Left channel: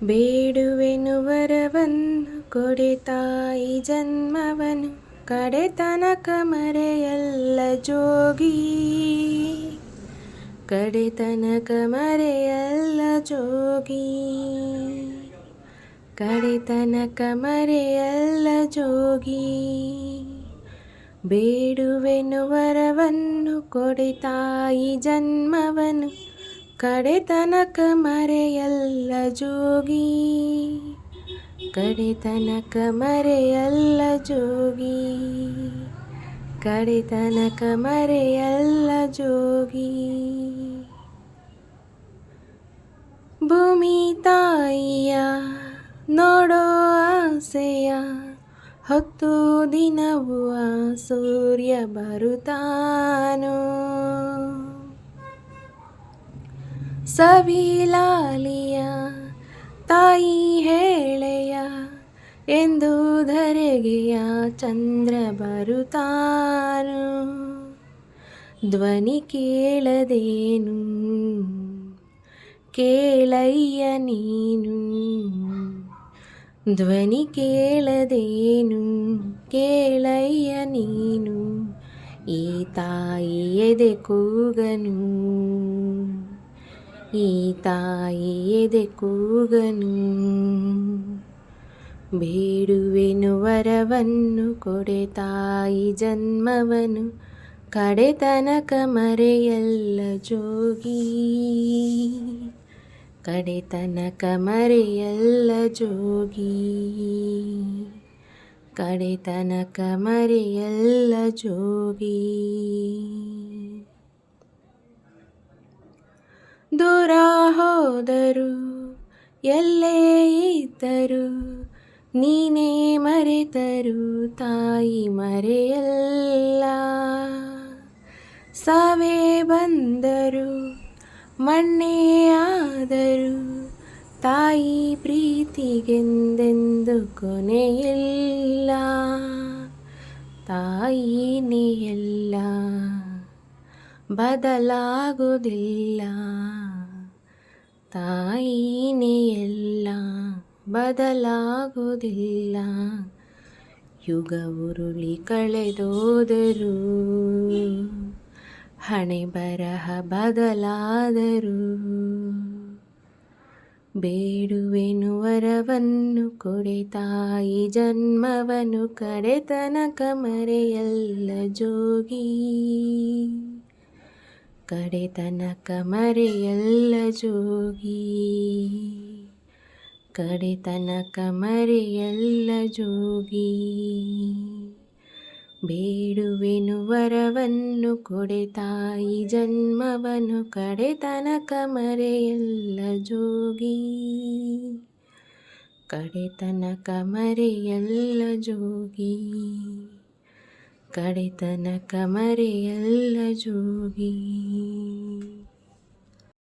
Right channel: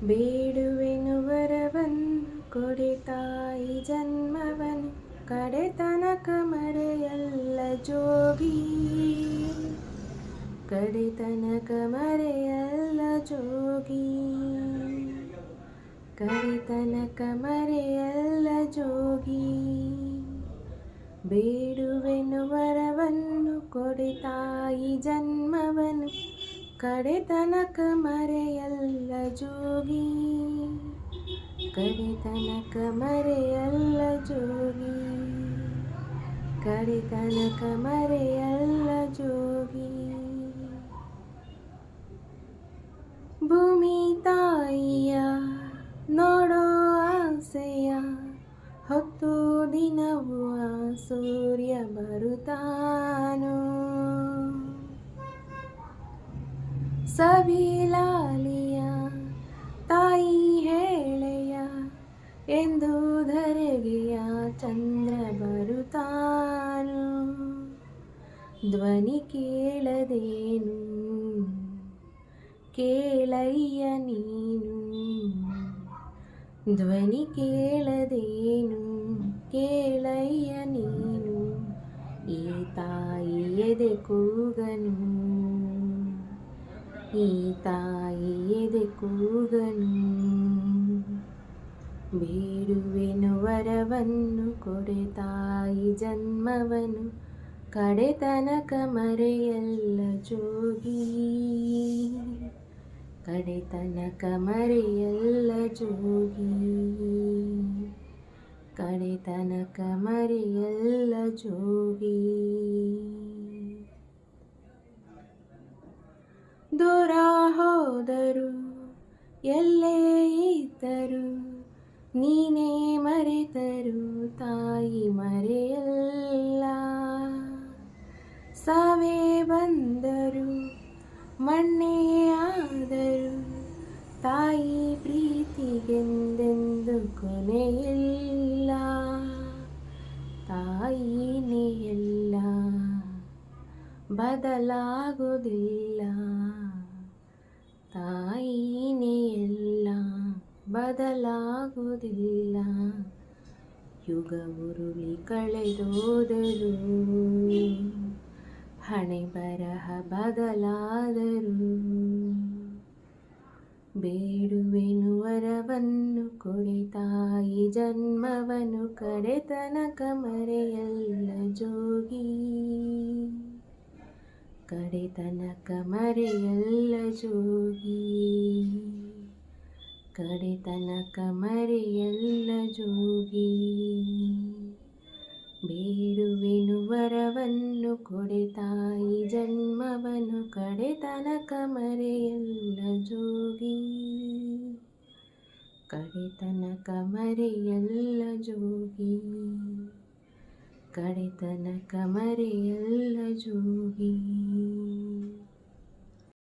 ಬೇಡುವೆನು ವರವನ್ನು ಕೊಡೆ ತಾಯಿ ಜನ್ಮವನು ಕಡೆತನಕ ಮರೆಯಲ್ಲ ಜೋಗಿ, ಕಡೆತನಕ ಮರೆಯಲ್ಲ ಜೋಗಿ, ಕಡೆತನಕ ಮರೆಯಲ್ಲ ಜೋಗಿ. ಬೇಡುವೆನು ವರವನ್ನು ಕೊಡೆ ತಾಯಿ ಜನ್ಮವನು ಕಡೆತನಕ ಮರೆಯಲ್ಲ ಜೋಗಿ, ಕಡೆತನಕ ಮರೆಯಲ್ಲ ಜೋಗಿ, ಕಡೆತನಕ ಮರೆಯಲ್ಲ ಜೋಗಿ. ಭೂಮಿ ತಾಯಿಯ ನೋಡೋ ಆಸೆಯ ಹೊತ್ತು ದಿನವೂ ಆ ಸೂರ್ಯ ಬರುತ್ತಾನೋ, ಸವಿಲಾಲಿಯ ತಾಯಿ ಹೇಳೆಯ ಎಂದು ಧರೆಗೆಯ ಚಂದ್ರ ಬರುತ್ತಾನು. ಧ್ವನಿ ಕೇಳದೇನು ಕೇಳಯ್ಯ ನೀನು, ಧ್ವನಿ ಕೇಳದೇನು ಕೇಳಯ್ಯ ನೀನು, ಈ ತಾಯಿ ಎದೆ ಕೂಗನು, ಈ ತಾಯಿ ಎದೆ ಕೂಗನು. ಬೇಡುವೆನು ವರವನ್ನು ಕೊಡೆ ತಾಯಿ ಜನ್ಮವನು ಕಡೆತನಕ ಮರೆಯಲ್ಲ ಜೋಗಿ, ಕಡೆತನಕ ಮರೆಯಲ್ಲ ಜೋಗಿ, ಕಡೆತನಕ ಮರೆಯಲ್ಲ ಜೋಗಿ. ದೂರ ಹೋದರು ಎಲ್ಲೇ ಇದ್ದರು ನೀನೇ ಮರೆತರು ತಾಯಿ ಮರೆಯಲ್ಲ, ಸಾವೇ ಬಂದರು ಮಣ್ಣೇ ಆದರು ತಾಯಿ ಪ್ರೀತಿಗೆಂದೆಂದು ಕೊನೆಯಿಲ್ಲ, ತಾಯಿನೇ ಎಲ್ಲ ಬದಲಾಗುವುದಿಲ್ಲ, ತಾಯಿನೇ ಎಲ್ಲ ಬದಲಾಗುವುದಿಲ್ಲ. ಯುಗ ಉರುಳಿ ಕಳೆದೋದರು ಹಣೆ ಬರಹ ಬದಲಾದರು, ಬೇಡುವೆನು ವರವನ್ನು ಕೊಡೆ ತಾಯಿ ಜನ್ಮವನು ಕಡೆತನಕ ಮರೆಯಲ್ಲ ಜೋಗಿ, ಕಡೆತನಕ ಮರೆಯಲ್ಲ ಜೋಗಿ, ಕಡೆತನಕ ಮರೆಯಲ್ಲ ಜೋಗಿ. ಬೇಡುವೆನು ವರವನ್ನು ಕೊಡೆ ತಾಯಿ ಜನ್ಮವನು ಕಡೆತನಕ ಮರೆಯಲ್ಲ ಜೋಗಿ, ಕಡೆತನಕ ಮರೆಯಲ್ಲ ಜೋಗಿ, ಕಡೆತನಕ ಮರೆಯಲ್ಲ ಜೋಗಿ.